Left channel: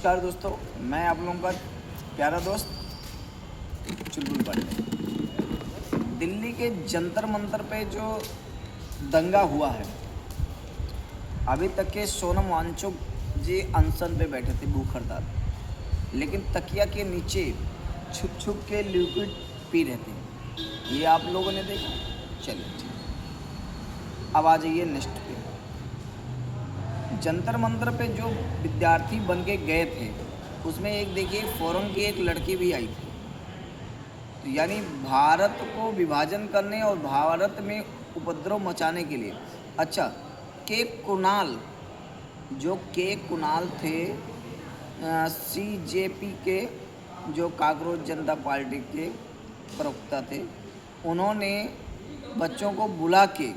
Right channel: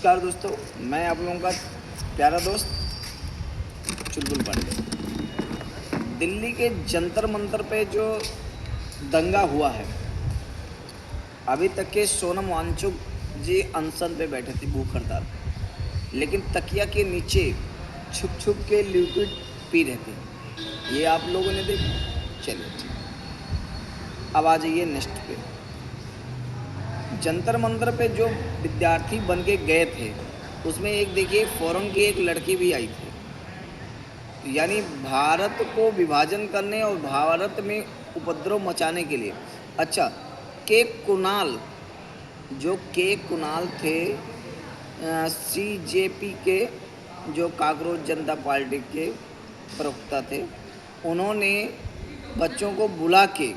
नमस्कार दोस्तों, मैं आप लोगों का प्यारा दोस्त चुलबुल पांडे। दिल्ली के जंतर मंतर पे जो दंगा हुआ है, अभी तक के सोनम वांगचुक जी अनशन पे बैठे थे, भूख हड़ताल, लेकिन तकिया के नीचे छुप छुप के लिक्विड पी रहे थे। ये आप लोगों ने देखा। चलिए अब आ जाइए नेक्स्ट पे। जंतर मंतर पे जो विद्यार्थी बन के गए थे, उसमें एक देखिए फॉरेन की एक लड़की भी आई थी, यानी भारत को विभाजन करने और भारत में उपद्रव मचाने के लिए। अच्छा, के कुणाल, जो के कुणाल थे सीजेपी के, जो कांग्रेस जनता पार्टी के प्रवक्ता थे, उन्होंने बच्चों को बुला के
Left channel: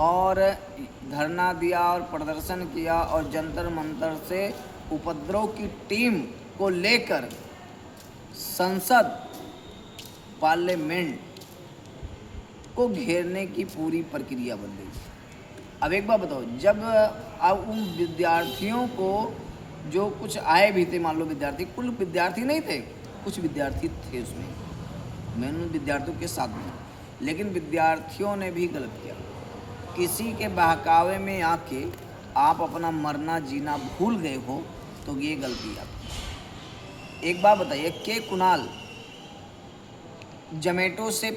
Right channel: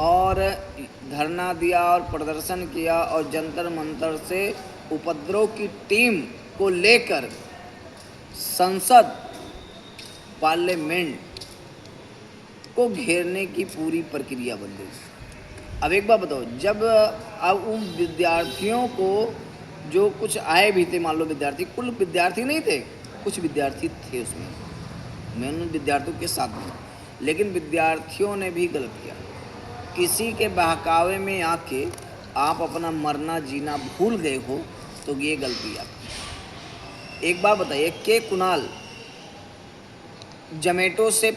और धरना दिया और प्रदर्शन किया और जंतर मंतर से उपद्रव की टीम को लेकर संसद पार्लियामेंट को घेरने की पूरी प्रक्रिया बन गई। अब एक बात बताओ, जब अब उन विद्यार्थियों को जो कुछ आए भी थे, मान लो विद्यार्थी, कुल विद्यार्थी नहीं थे, कुछ विद्यार्थी थे उसमें, मैं उन विद्यार्थियों के साथ था, लेकिन विद्यार्थियों ने भी गलत किया। किसी के बहकावे में आके आप अपना मरना जीना भूल गए हो, तो ये गलती आपकी। एक बात बताइए, के कुणाल जोमेटो से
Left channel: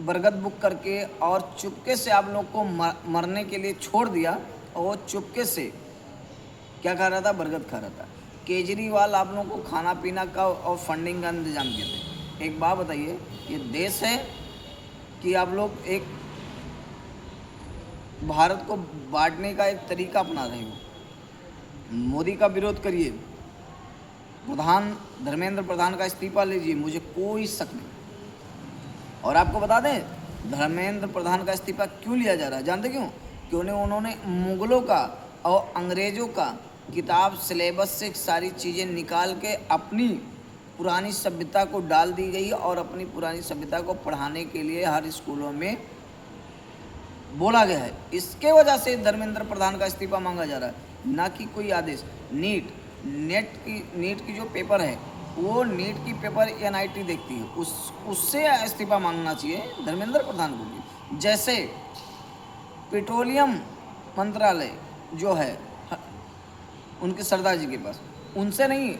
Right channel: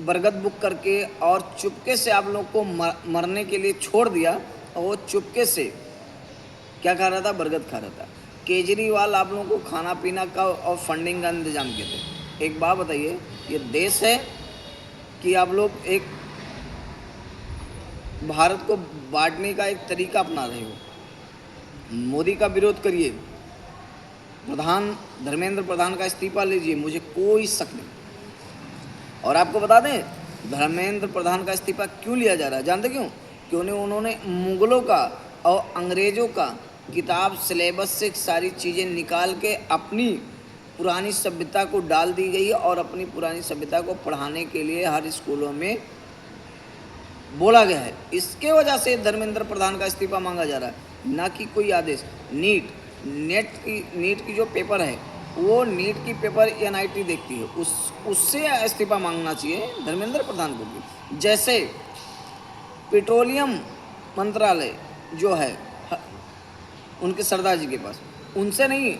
बरगद बुक करके और चुपके से आप लोग को मरने के लिए छोड़ दिया, और वो चुपके से क्या खा रहा था? बरगद खा रहा था। केजरीवाल आप लोगों को खाना पीना का और फंडिंग का इंतजाम किए थे। एक बात बताइए, ये देश है कि आप लोग एक भारत को बांटने का एक तरीका अपना रहे हो? मोदी का विरोध करिए, धर्मेंद्र प्रधान का इस्तीफा लीजिए, मुझे कोई शक नहीं। और आपको बता दें, धर्मेंद्र प्रधान का इस्तीफा क्यों लिया जा रहा है? जानते क्यों? क्योंकि उन्होंने मुगलों का और अंग्रेज़ों का किताब सिलेबस से सारी चीज़ें निकाल के अपनी पुरानी सभ्यता को डाल दी गई, और अपनी पुरानी सभ्यता को पढ़ाने के लिए हर स्कूलों में बोला गया है। इसके वजह से धर्मेंद्र प्रधान का इस्तीफा मांगा जा रहा है, ना कि कोई आदेश। नीट की जो पेपर है, वो नीट की पेपर एनआईटी देखती है, उससे इस्तीफा मांगना चाहिए धर्मेंद्र प्रधान को भी। जैसे पेट्रोलियम मंत्रालय जो है उनके सरदार जी के पास, उनसे नहीं,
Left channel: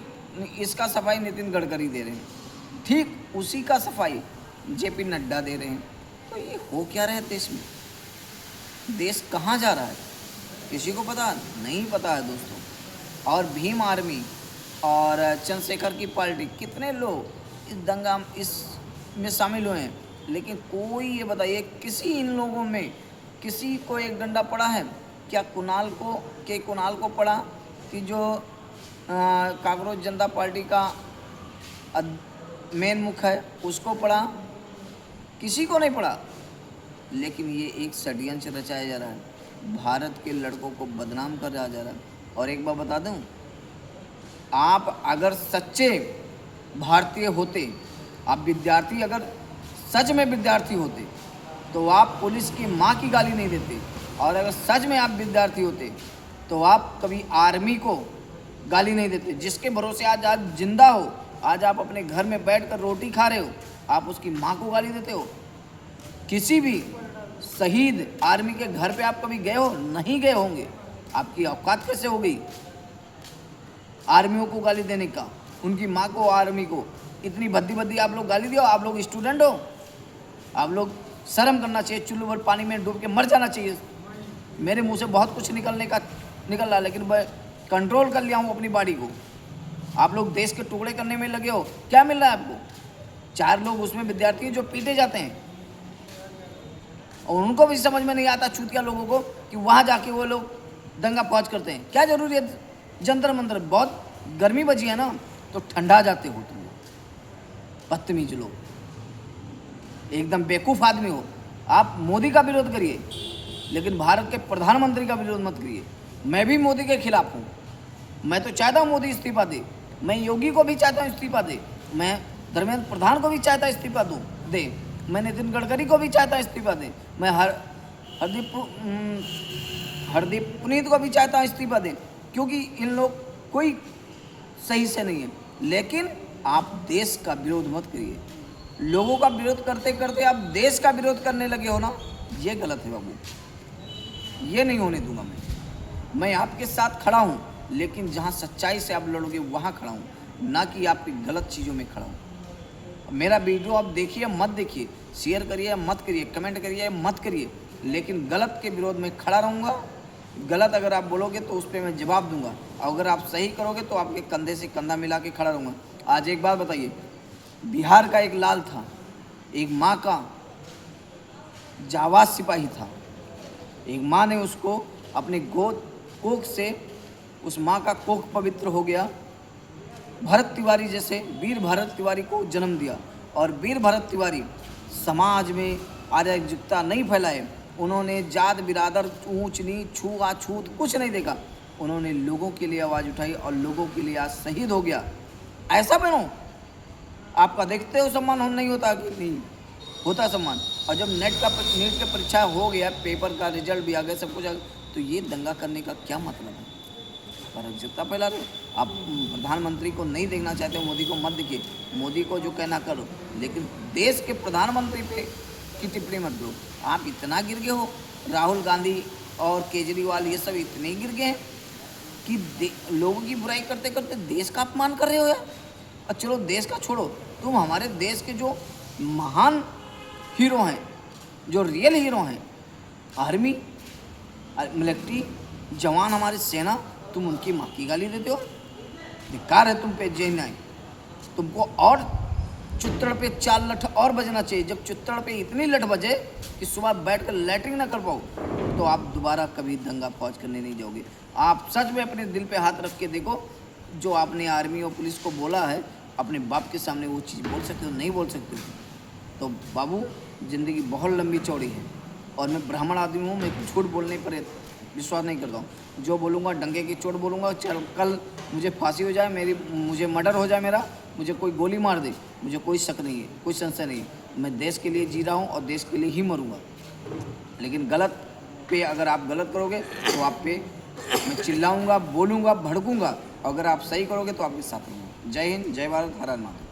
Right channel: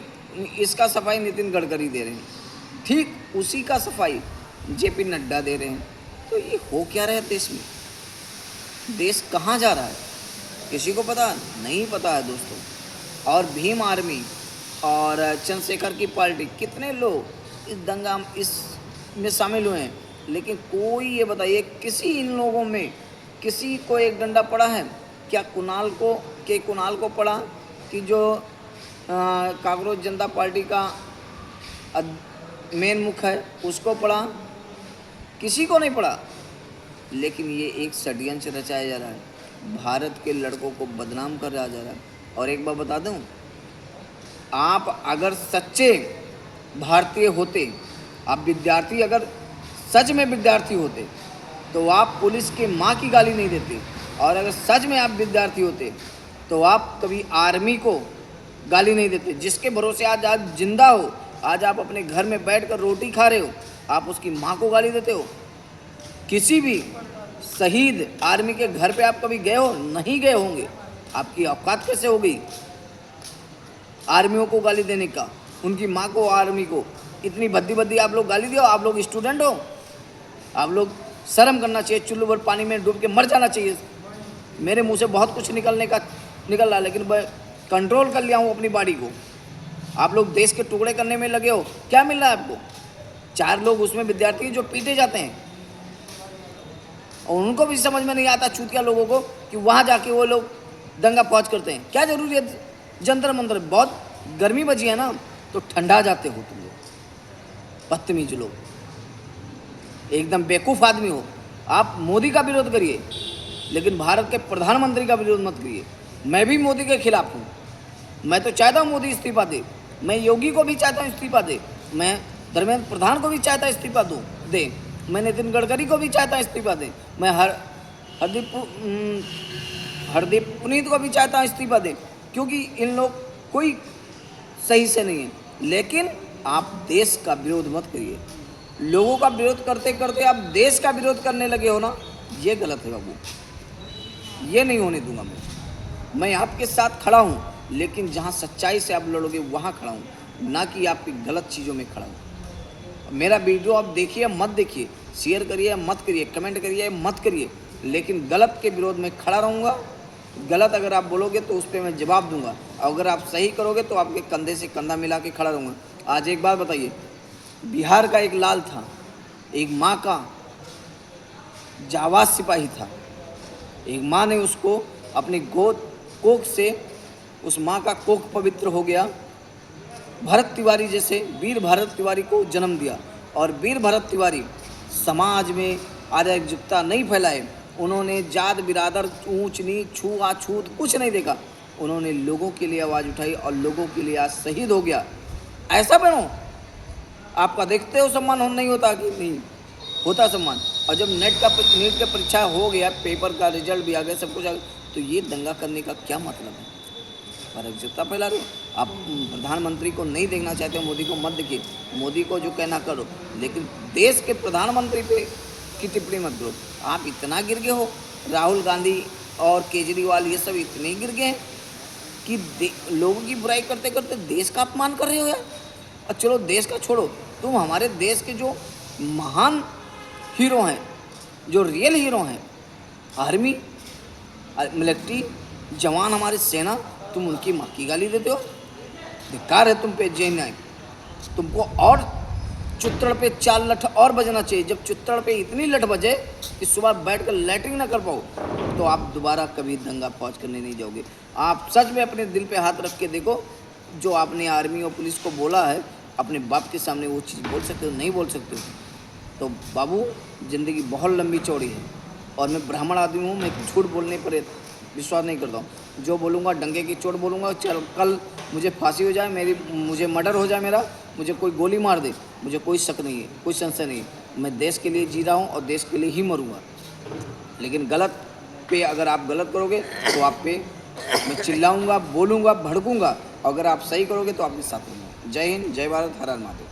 इसका सफाई नितिन गडकरी दे रहे हैं, ठीक उसी का सफाई जेपी नड्डा दे रहे हैं। तो ये हो क्या रहा है देश में? देश कहाँ जा रहा है? किसी को पता नहीं? पता है दोस्तों। और भीम आर्मी और चंद्रशेखर की पार्टी, कितने लोग इस दंगा इसमें शामिल हुए हैं, लेकिन कोई ये बताइए, किसी इन लोगों में किसी को एक डंडा पड़ा है क्या? कुणाल को पड़ा कि जो कांग्रेस जनता पार्टी का मेन मुख है, उसको पड़ा? किसी को नहीं पड़ा। लेकिन ये एक षड्यंत्र रचाया जा रहा है, भारत के लड़कों को बदनाम कर रहा जा रहा है। और एक बात बता दूं, आप अगर सच्चे भारतीय होते, आप विद्यार्थी अगर सच में विद्यार्थी होते, तो आप पुलिस की माँ की गाली नहीं देते। और अगर सच में आप विद्यार्थी होते, तो आप कभी आर्मी को गाली नहीं देते, जिसके भरोसे आज जिंदा हो। आज आप अपने घर में बैठकर रोटी खा रहे हो, आप उसकी माँ को गाली देते हो। किसी भी शहीद आर्मी के घर पे आप कभी गए हो? नहीं गए होंगे। आपकी औकात कैसे हो गई आर्मियों को गाली देने का, उनकी माँ को, आर्मी को? इतनी भद्दी भद्दी आप लोग गाली दियो। आप लोग स्टूडेंट हो, आप लोग शर्म करना चाहिए, चुल्लू भर पानी में डूब के मर जाना चाहिए। मेरे मुंह से बहुत कुछ निकल रहा है, लेकिन मैं कंट्रोल कर लिया हूँ अपनी बॉडी को। आप लोग देश के टुकड़े करने में लगे हो। क्या मिल रहा है आपको? 4 लोग उसमें विद्यार्थी जो पीटे जाते हैं, और उनको भी समझ में नहीं आता चूतिया लोगों को कि वहाँ जाके वो लोग दंगा फौज करते हैं। क्या जरूरी है जंतर मंतर? बहुत गर्मी बची है ना, तो ठंडा जाते हो तुम लोग, बदतमीज लोग, एकदम बेवकूफ़ आदमी हो। आप मोदी का विरोध करिए, लेकिन भारत के प्रधानमंत्री का विरोध मत करिए। मैं भी मोदी के खिलाफ हूँ। मैं तो चाहता हूँ मोदी इस्तीफा दे, मैं योगी को भी चाहता हूँ इस्तीफा दे, मैं धर्मेंद्र प्रधान को भी चाहता इस्तीफा दे, मैं नितिन गडकरी को भी चाहता इस्तीफा दे, मैं हरदीप पुनीत को भी चाहता हूँ इस्तीफा दे, क्योंकि इन लोग कोई सही से नहीं है, लेकिन आप देश का विरोध मत करिए। लोगों का विरोध करते करते आप देश का विरोध करने लगे हो ना, ये गलत है बाबू, ये नहीं होने दूंगा मैं आपके साथ खड़ा हूँ, लेकिन जहाँ सच्चाई से आप लड़ोगे वहाँ खड़ा हूँ, ना कि आपकी गलत चीज़ों में खड़ा हूँ। मेरा वीडियो आप देखिए मत देखिए, शेयर करिए मत करिए, कमेंट करिए मत करिए, लेकिन गलत के विरोध में खड़ा रहूँगा। गलत अगर आप बोलोगे तो उस पर मैं जवाब दूंगा, अगर आप सही करोगे तो आपके कंधे से कंधा मिला के खड़ा रहूँगा। आज एक बात बताइए, बिहार का एक लाल था, एक माँ का जाबाज सिपाही था, एक माँ ने उसको अपनी गोद कोख से, उस माँ का कोख पवित्र हो गया। भरत तिवारी जैसे वीर भरत तिवारी को जन्म दिया, और वीर भरत तिवारी समाज में अराजकता नहीं फैलाए, उन्होंने जात बिरादर ऊंच नीच छूआछूत कुछ नहीं देखा, उन्होंने लोगों के लिए आवाज़ उठाई और लोगों के लिए आज शहीद हो गया। ऐसा बनो, आपका देखते हो सम्मान हो नहीं होता कि नहीं होता सम्मान। और जब नीट का परीक्षा हो गया, पेपर का रिजल्ट भी आ गया, सब कुछ आ गया, तो ये दंगा करने का क्या मतलब है? अराजकता फैला रहे हो। आप प्रधानमंत्री को नहीं देखना चाहते हो, मोदी को मत देखिए, मोदी को जो कहना करो, लेकिन देश के प्रधानमंत्री पे की टिप्पणी मत दो। आप इतना गिर गए हो, राहुल गांधी और केजरीवाल ये सब इतने गिर गए कि लोगों की बुराई करते करते देश का अपमान कर रहे हो यार। और चलो देश का छोड़ो, तुम हमारे देश के जो महान हीरो हैं, जो रियल हीरो हैं, आर्मी, मिलिट्री जवान, हमारी सेना, तुम उनकी माँ की गाली देते हो। धिक्कार है तुम पे जय न्याय। तुमको और चुत्तड़ पे 4 लठ और बजना चाहिए। जब चुत्तड़ पे इतनी लठ बजे कि सुबह बैठ कर लैटरिन ना कर पाओ, तो आप दोबारा कभी दंगा फौज करने नहीं जाओगे। आप सच में अपने दिल पे हाथ रख के देखो, जो आपने आर्मी और पुलिस को बोला है, अपने बाप के सामने वो चीज़ बोल सकते हो? नहीं बोल सकते हो। तो बाबू, ज़िंदगी बहुत लंबी चौड़ी है, और मैं ब्राह्मण आदमी हूँ, मैं झूठ बोलने पर विश्वास नहीं करता हूँ। जो बोलूँगा डंगे की चोट बोलूँगा। कल मुझे फांसी हो जाए, मुझे मर्डर हो जाए, मुझे कोई गोली मार दे, मुझे कोई शक नहीं है, कोई संशय नहीं है। मैं देश के लिए जी रहा हूँ और देश के लिए ही मरूँगा। लेकिन गलत पे अगर आप गलत करोगे तो आप पे मैं चिल्लाऊँगा, बोलूँगा, भड़कूँगा। अगर आप सही करोगे तो आपके साथ रहूँगा। जय हिंद, जय भारत, हर हर महादेव।